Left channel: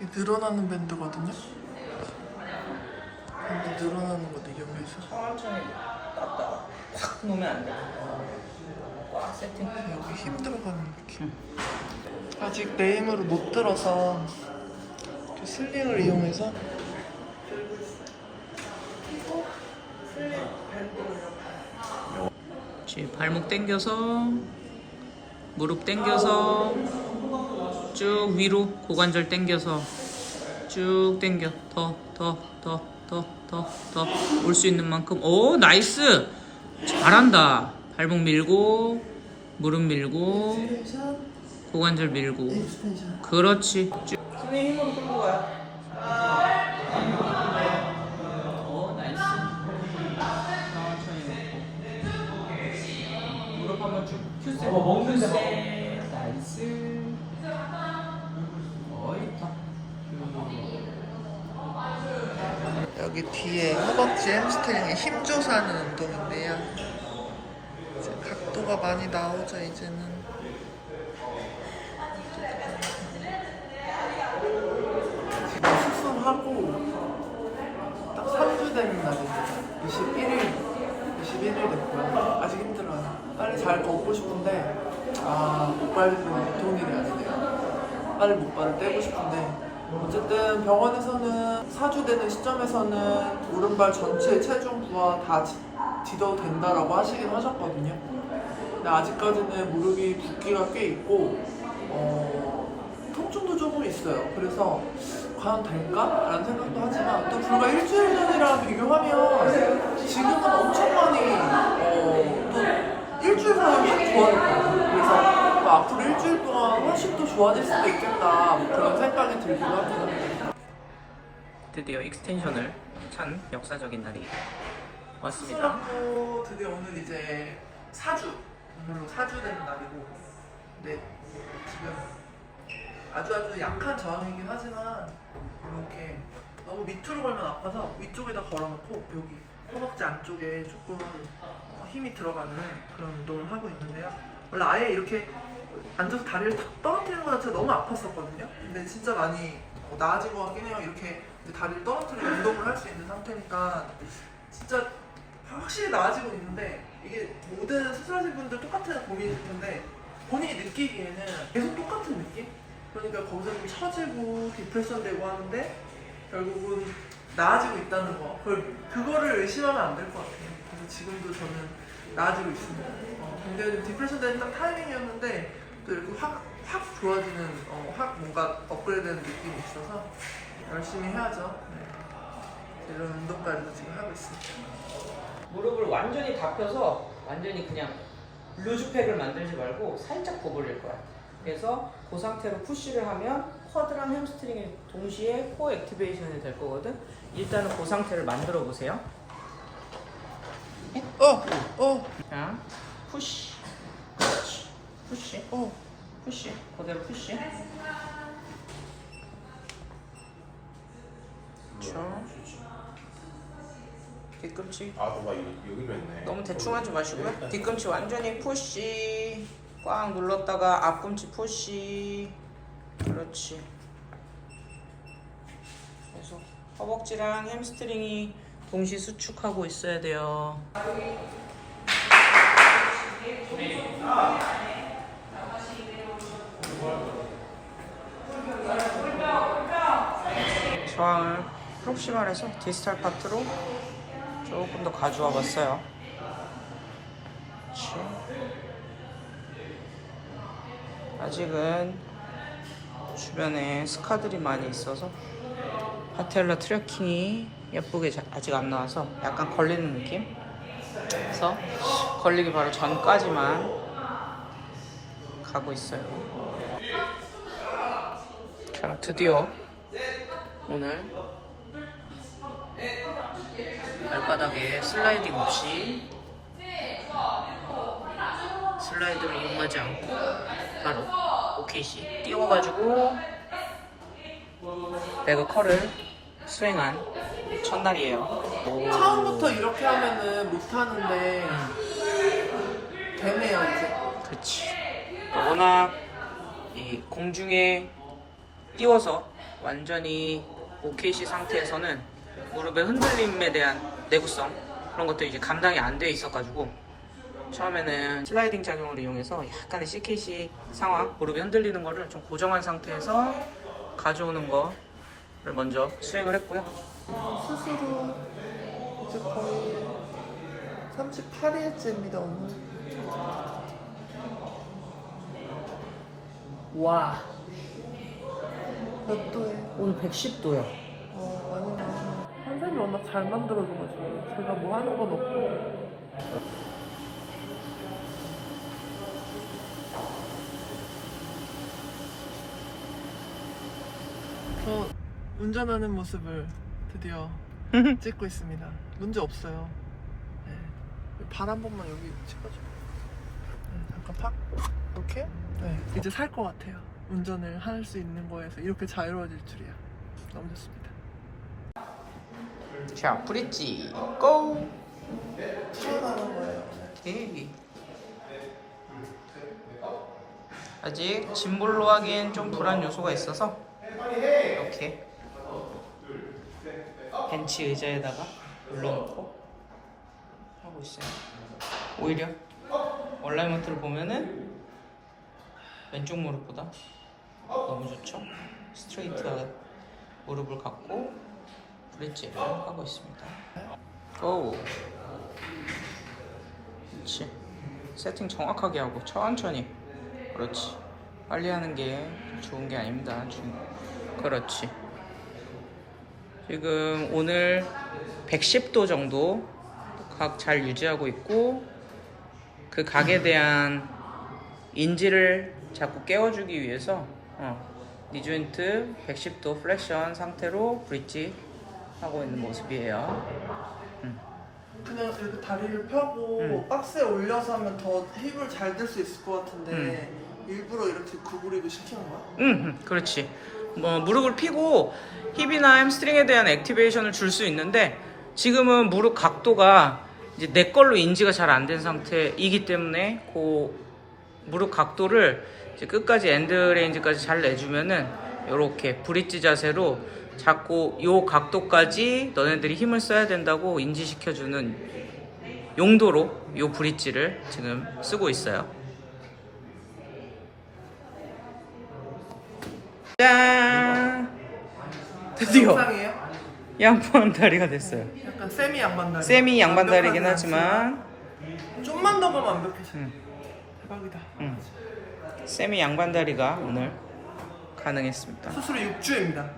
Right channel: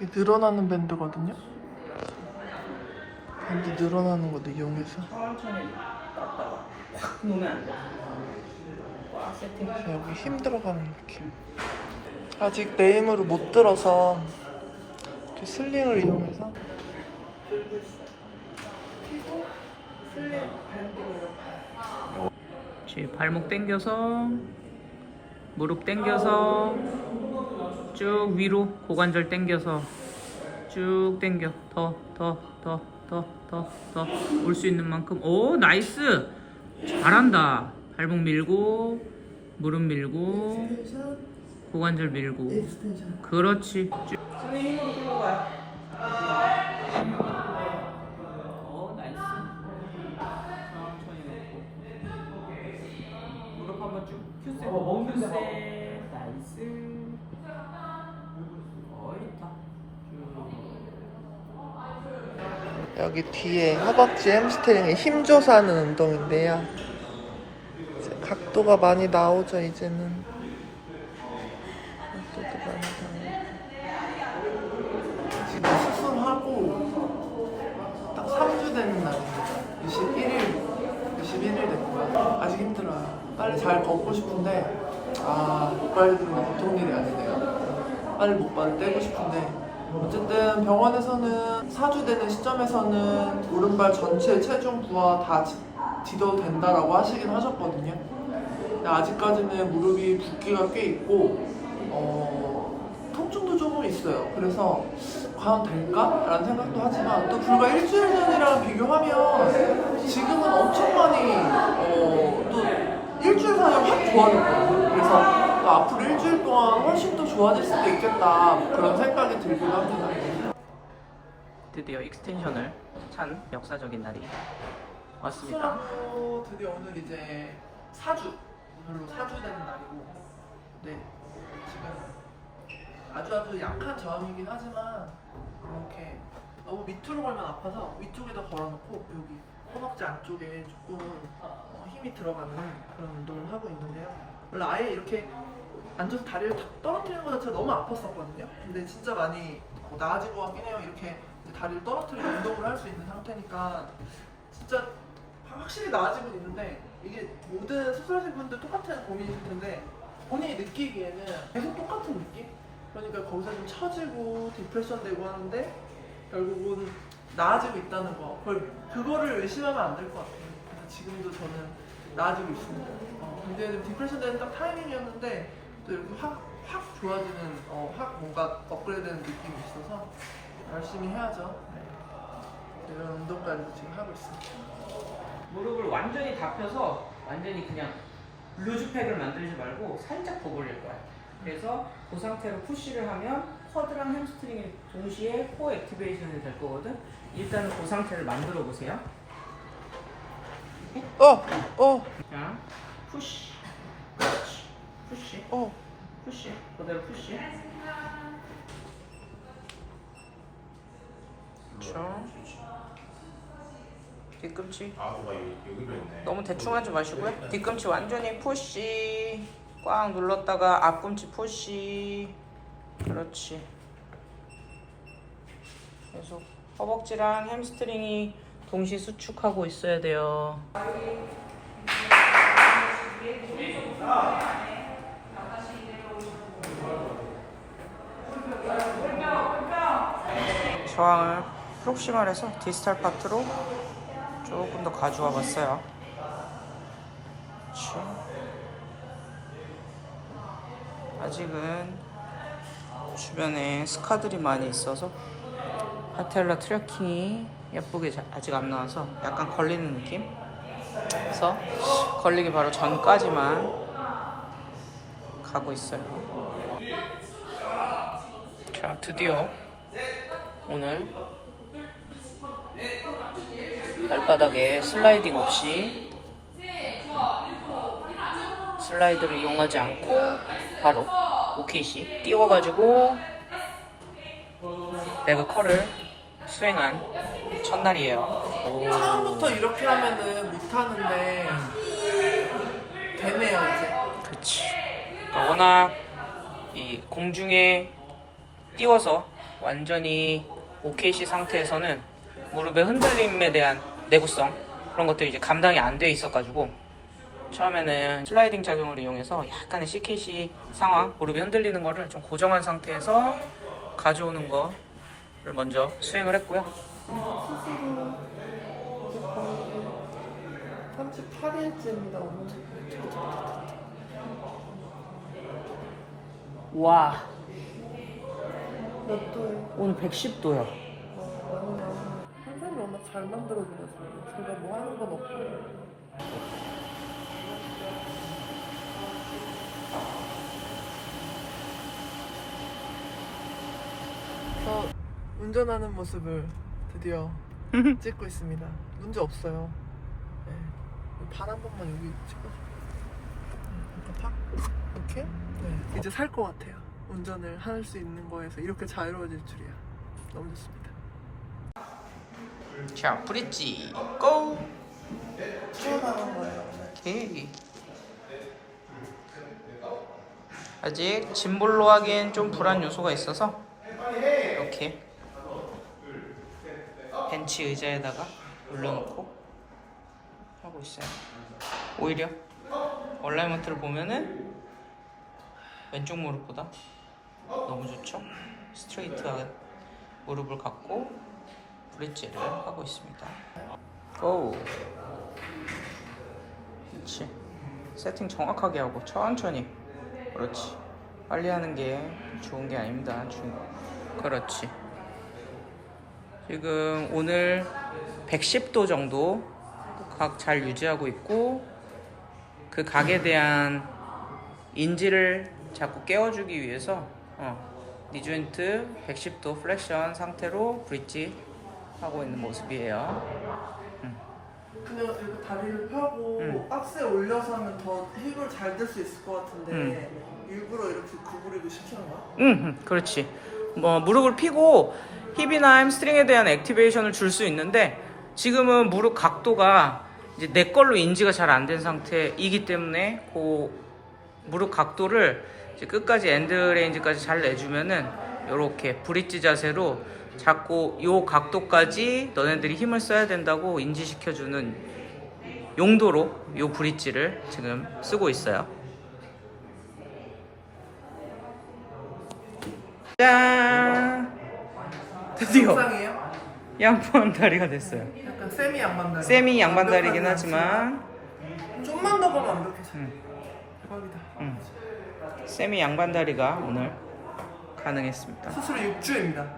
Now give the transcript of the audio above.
늘어나는 밴드거든요. 밴드 늘어나는 것도 이용해서. 여기 힘 들어가는 느낌. 아직 내 힘으로 못 들어서 슬링을 이용해서 그렇지. 발목 당겨서 무릎 당겨서 쭉 위로 고관절 당겨서 쭉 당겨 더 더 더 더 더 더 올 수 있는 만큼 오 나이스 잘한다 발목 밀고 무릎 밀고 고관절 밀고 그렇지 쭉 손에 힘으로 끌고 가 오, 나이스. 천천히 놓고. 무릎 한번 쭉 큐세. 어, 큐세. 나이스. 여기 뒤에 허벅지 햄스트링에 힘 줘서 하는 운동인데요. 각도가 많이 나오죠 이제는. 지금 수술하고 딱 3주 되는 날입니다. 21일 21일 됐고요. 아직 힘들어요. 빨리 잘 걷고 싶은데 아 못 밟는 게 보통 일이 아니네요. 빨리 목발을 떼고 싶은데 어쨌든 병원에서는 4주 되는 시점에서는 오른발 전체 체중 부하 다 지- 지도도 된다라고 하시긴 하셨거든요. 근데 아직까지는 무릎이 붓기가 꽤 있고 어, 통증도 조금 있어요. 그래서 과연 될까? 라는 생각도 하지만 또 불과 일주일 전이랑 비교하면 지금은 엄청 많이 어, 또 일주일 사이에 확 좋아졌거든요. 그래서 또 앞으로 일주일 동안 훨씬 더 좋아질 수도 있겠다 뭐 그런 생각이 들기도 합니다. 드디어 익스텐션을 찬 역사적인 날이 왔습니다. 수술하고 드디어 오늘 이제 4주 오늘로 4주 되는 날이고 네 지금 아주 아주 약한 저항이긴 하지만 이렇게 너무 밑으로 걸면 아파서 위쪽에다 걸어놓고 여기 허벅지 안쪽에 조금 힘이 들어가는 그런 운동을 하고 있는데요 원래 아예 이렇게 앉아서 다리를 탁 떨어뜨리는 것 자체가 너무 아팠었거든요. 근데 진짜 많이 뭐 나아진 것 같긴 해요. 이렇게 다리를 떨어뜨리고 운동을 할 수 있는 상태니까 진짜 확실히 나아지고 있는데 이게 모든 수술하신 분들 똑같은 고민이실 텐데 본인이 느끼기에는 계속 똑같은 느낌? 그러니까 거기서 좀 처지고 디프레션 되고 하는데 결국은 나아지고 있다는 거. 그걸, 그거를 의심하면 안 될 것 같아요. 그래서 지금도 저는 나아지고 있습니다 어, 근데 좀 디프레션 되는 딱 타이밍이었는데 또 이렇게 확, 확 좋아지는 어, 확 뭔가 업그레이드 되는 느낌이 있어서 열심히 해야죠 네. 이런 운동까지도 지금 하고 있습니다 무릎을 완전히 다 펴서 완전히 그냥 루즈팩을 만들지 말고 살짝 더 벌릴 거야. 그래서 그 상태로 푸시를 하면 쿼드랑 햄스트링이 동시에 코어 액티베이션이 될 거거든. 일단은 그 상태를 만들어 보세요. 어! 어! 자, 푸시, 그렇지. 푸시, 어! 푸시, 그대로 푸시. 그렇죠. 뒤꿈치 아, 봐봐 여기 여기로 했네. 너무 대충 하지 마시고요. 뒤꿈치 완전히 푸시. 꽉 눌렀다가 앞꿈치 푸시. 그렇지. 계속 허벅지랑 햄스트링이 동시 수축하고 있어야 돼요. 저항을 프록시말에서 디스탈 파트로 조금 더 가져와 봤어요. 아직은 주변에 스카들이 많이 있어서 파텔라 트래킹이 예쁘게 자- 아직 안 나와서 약간 걸리는 느낌? 그래서 걸리기 바로 전까지만 가고 있어요. 자, 드디어 오늘 발바닥에 슬라이딩 없이 슬라이드를 이용하지 않고 바로 오케이시 띄워가지고 레그 컬을 수행한 첫날이에요. 오. 처음부터 이렇게 하면은 못하는데 되네요 이제 그치. 그러니까 워낙 이 공중에 띄워서 완전히 OKC 상태에서는 무릎의 흔들림에 대한 내구성 그런 것들이 이제 감당이 안 돼 있어가지고 처음에는 슬라이딩 작용을 이용해서 약간의 CKC 상황 무릎이 흔들리는 거를 좀 고정한 상태에서 가져오는 거를 먼저 스윙을 했고요. 38일째입니다 오늘. 와몇 도에? 오늘 110도야. 선생님이 워낙 잘 만들어줘가지고 제가 뭐 하는 건 없고 저 운전하는 모습을 드디어 찍고 있습니다. 문제 없어요. 네. 발한 번만 여기 찍어줄게요. 네, 잠깐 팍. 이렇게? 네. 이제 살 것 같아요. 운전을 할 수 있는 거에서 이렇게 자유로워질 줄이야. 너무 좋습니다. 자 브릿지 고. 거예요 오케이. 아직 짐볼로 하기엔 좀 불안 요소가 있어서. 이렇게 벤치 의자에다가 올려놓고 하고 있어요. 오히려 얼라이먼트를 보면은 왼쪽 무릎보다 너무 좋죠. 스트레이트하게 무릎을 갖고 브릿지를 하고 있습니다. 고! 그렇지. 세팅 정확하게 하고 천천히. 그렇지. 빨리 하는 게 좋은 게 아닙니다. 중. 그렇지. 지금 오늘 110도 정도 각 잘 유지하고 있고 그 각에 대한 인지를 자꾸 깨워주기 위해서 어, 니 조인트 110도 플렉션 상태로 브릿지 하고 있는 모습이에요. 그냥 이렇게 다리를 펴고 응. 박스에 올려서 하면 더 힙을 잘 들 수 있을 것 같은데 일부러 이렇게 구부리고 시키는 거야? 응, 응, 그렇지. 뭐 무릎을 피고 힙이나 햄스트링에 대한 액티베이션을 줄 수 있는데 지금은 무릎 각도가 이제 내 걸로 인지가 잘 안 된 상태이기 때문에 그 무릎 각도를 끝까지 엔드 레인지까지 잘 내주면은 이렇게 브릿지 자세로 자꾸 요 각도까지 너네들이 힘을 써야 된다고 인지시켜주는 용도로 요 브릿지를 지금 쓰고 있어요. 짠! 드디어 정상이에요? 양반 다리가 됐어요. 약간 세미 양반다리 세미 양반다리긴 완벽하지 하지만 않지만 좀만 더 가면 완벽해져 응. 대박이다 음. 세미 양반다리가 오늘 가능했습니다. 수술이 6주입니다